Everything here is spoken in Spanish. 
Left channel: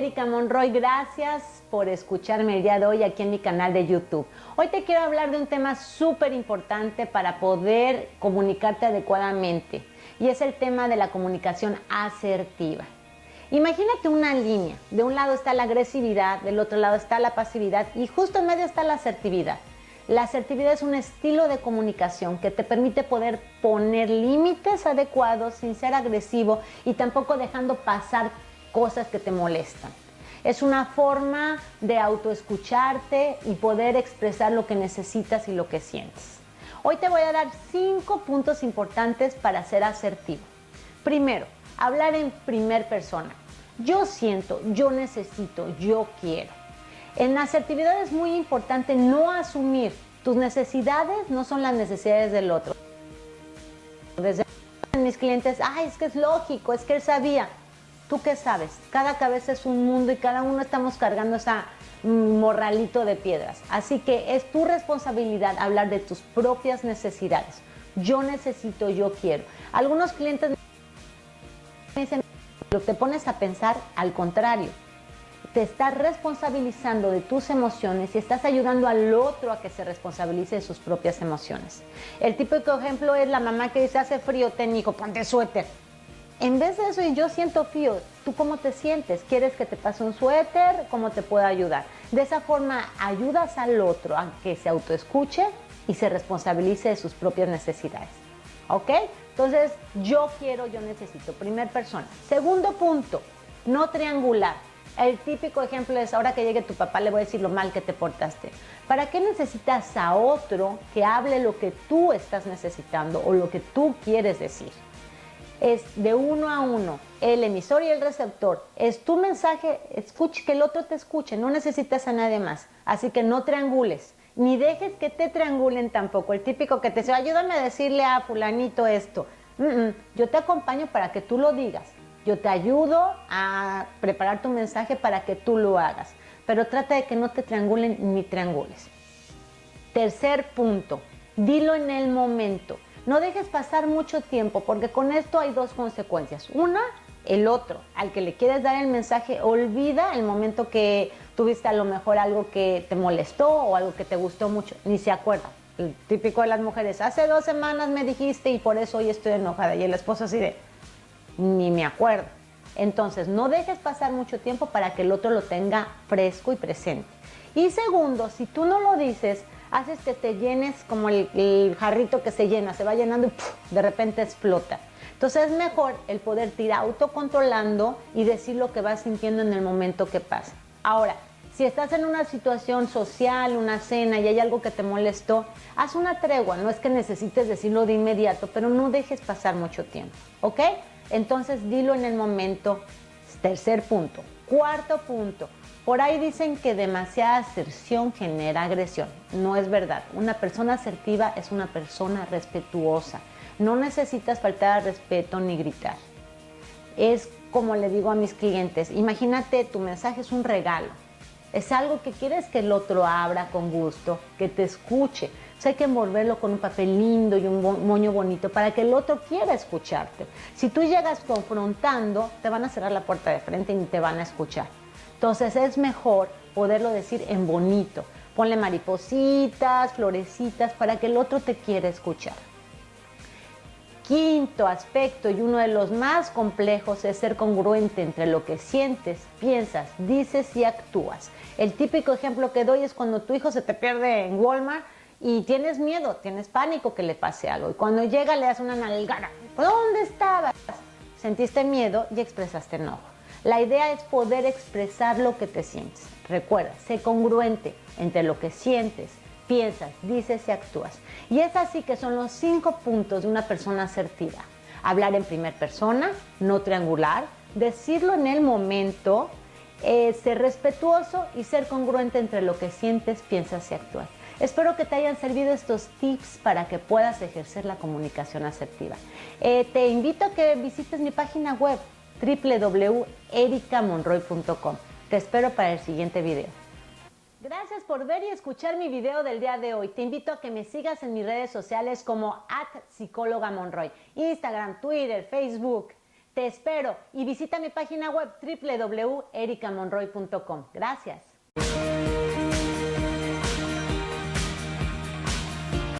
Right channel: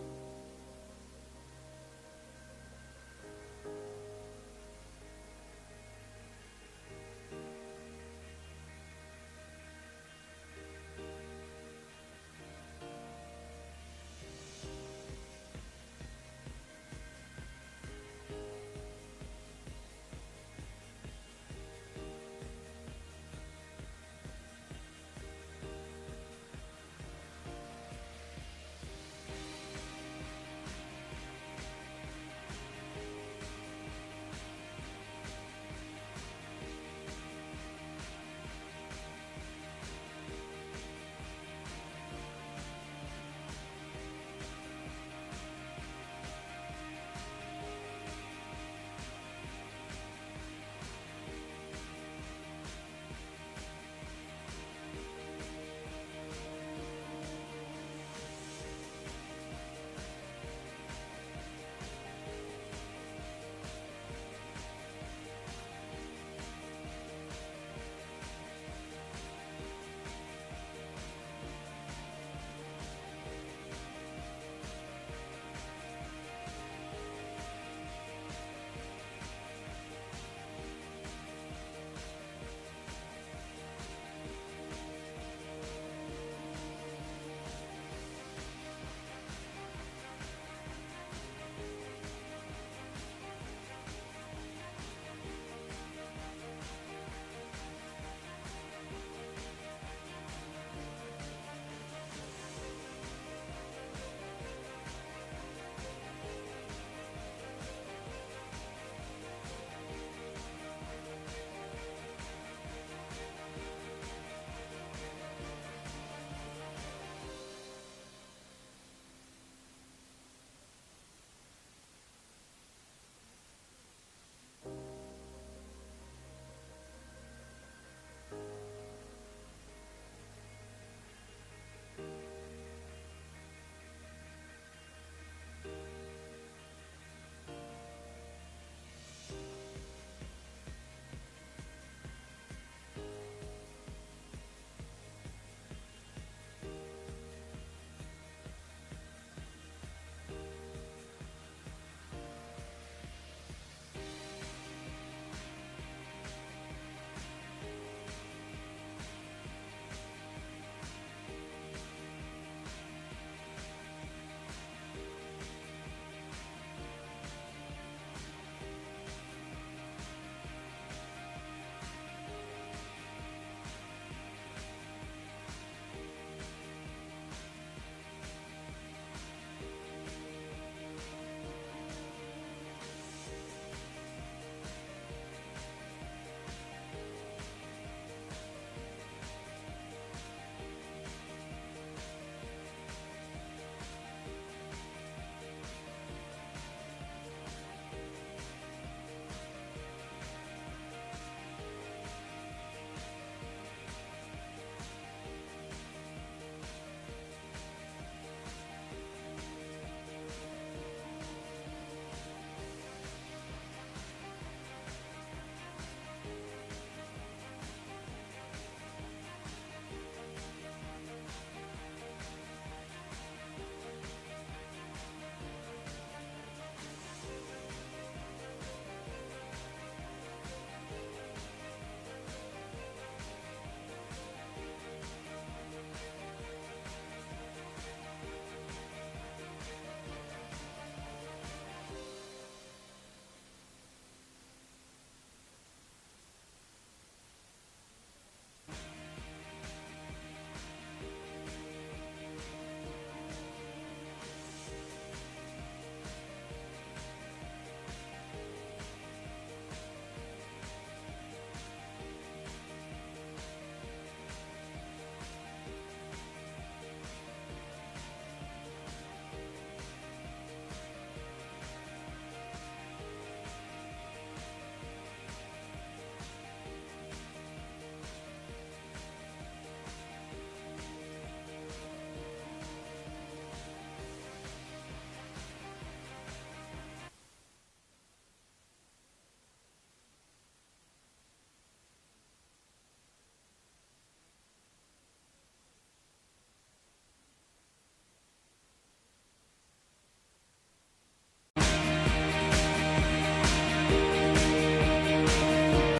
Erika Monroy, gracias por escucharme el día de hoy aquí en mi canal de YouTube. Hoy te quiero hablar de un tema súper importante para poder comunicarte adecuadamente y es el tema de la comunicación asertiva. Imagínate una línea, de un lado está la agresividad, del otro lado está la pasividad y justo en medio está la asertividad. La asertividad es un estilo de comunicación que te permite poder poner límites adecuados sin ser agresivo y tampoco dejando pasar cosas que te molestan. Es una forma de autoescucharte y poder expresar lo que necesitas y lo que sientes. Hoy te voy a dar 5 puntos importantes para ser asertivo. Primero, hablar en primer persona. Yo siento, yo necesito, yo quiero. En la asertividad es muy importante no asumir. Tus necesidades no son las necesidades del otro. Desde mis clientes, es que es lógico, es que él sabía. ¿Tú qué sabes? Cada cabeza es un mundo y cada uno estamos cargando esa morralito de piedras. Así que es tu responsabilidad hablar de tus propias necesidades. Yo necesito, yo quiero. Algunos clientes me dicen, pero te pones a pensar al contrario. Te estás responsabilizando de tus emociones y estás ayudando al otro a que se responsabilice de sus propias emociones. El típico ejemplo es la mamá que dice, hace frío, ten hijo, ponte suéter. En vez de eso, yo siento frío, ¿tú cómo te sientes? ¿Quieres que te pase un suéter? ¿Cómo te puedo ayudar? De esa forma ayudas al otro a que se autoescuche y se responsabilice de sus propias necesidades. ¿Ok? Entonces, yo quiero, yo necesito. Primer persona. Segundo punto, no triangular. El típico ejemplo es, ahora que llegue tu papá le voy a decir lo mal que te portaste. ¿Para qué necesitas a otro que hable lo que tú estás necesitando o lo que tú quieres decir? Es de uno a uno, el emisor y el receptor. Es tu mensaje, escuche, que el otro te escuche, no necesitas a nadie más. Así que no triangules, ni dejes que te triangulen tampoco. El típico que te dice, ayúdame a decirle a fulanito esto. Yo te acompaño para que tú lo digas. Yo te ayudo a preparar tu mensaje para que tú lo hagas. Pero trata de que no te triangulen ni triangules. Tercer punto, dilo en el momento. No dejes pasar mucho tiempo porque con esto hay dos consecuencias. Una, el otro, al que le quieres dar el mensaje, olvida el momento que tuviste a lo mejor algo que te molestó o algo que te gustó mucho. Ni se acuerda. El típico de las mujeres, hace 2 semanas me dijiste y por eso hoy estoy enojada. Y el esposo así de, ni me acuerdo. Entonces, no dejes pasar mucho tiempo para que el otro lo tenga fresco y presente. Y segundo, si tú no lo dices, haces que te llenes como el jarrito que se llena, se va llenando y ¡puf!, de repente explota. Entonces es mejor el poderte ir autocontrolando y decir lo que vas sintiendo en el momento que pasa. Ahora, si estás en una situación social, una cena y hay algo que te molestó, haz una tregua. No es que necesites decirlo de inmediato, pero no dejes pasar mucho tiempo, ¿ok? Entonces dilo en el momento. Tercer punto. Cuarto punto. Por ahí dicen que demasiada aserción genera agresión. No es verdad. Una persona asertiva es una persona respetuosa. No necesitas faltar al respeto ni gritar. Es como le digo a mis clientes, imagínate, tu mensaje es un regalo. Es algo que quieres que el otro abra con gusto, que te escuche. O sea, hay que envolverlo con un papel lindo y un moño bonito para que el otro quiera escucharte. Si tú llegas confrontando, te van a cerrar la puerta de frente y ni te van a escuchar. Entonces es mejor poderlo decir en bonito. Ponle maripositas, florecitas para que el otro te quiera escuchar. Quinto aspecto y uno de los más complejos es ser congruente entre lo que sientes, piensas, dices y actúas. El típico ejemplo que doy es cuando tu hijo se te pierde en Walmart y tienes miedo, tienes pánico que le pase algo. Y cuando llega le das una nalgada. ¿Dónde estabas? Sentiste miedo y expresaste enojo. La idea es poder expresar lo que te sientes. Recuerda, sé congruente entre lo que sientes, piensas, dices y actúas. Y es así que son los 5 puntos de una persona asertiva. Hablar en primera persona, no triangular, decirlo en el momento, ser respetuoso y ser congruente entre lo que sientes, piensas y actúas. Espero que te hayan servido estos tips para que puedas ejercer la comunicación asertiva. Te invito a que visites mi página web www.erikamonroy.com. Te espero para el siguiente video. Gracias por ver y escuchar mi video del día de hoy. Te invito a que me sigas en mis redes sociales como @psicólogamonroy, Instagram, Twitter, Facebook. Te espero y visita mi página web www.ericamonroy.com. Gracias.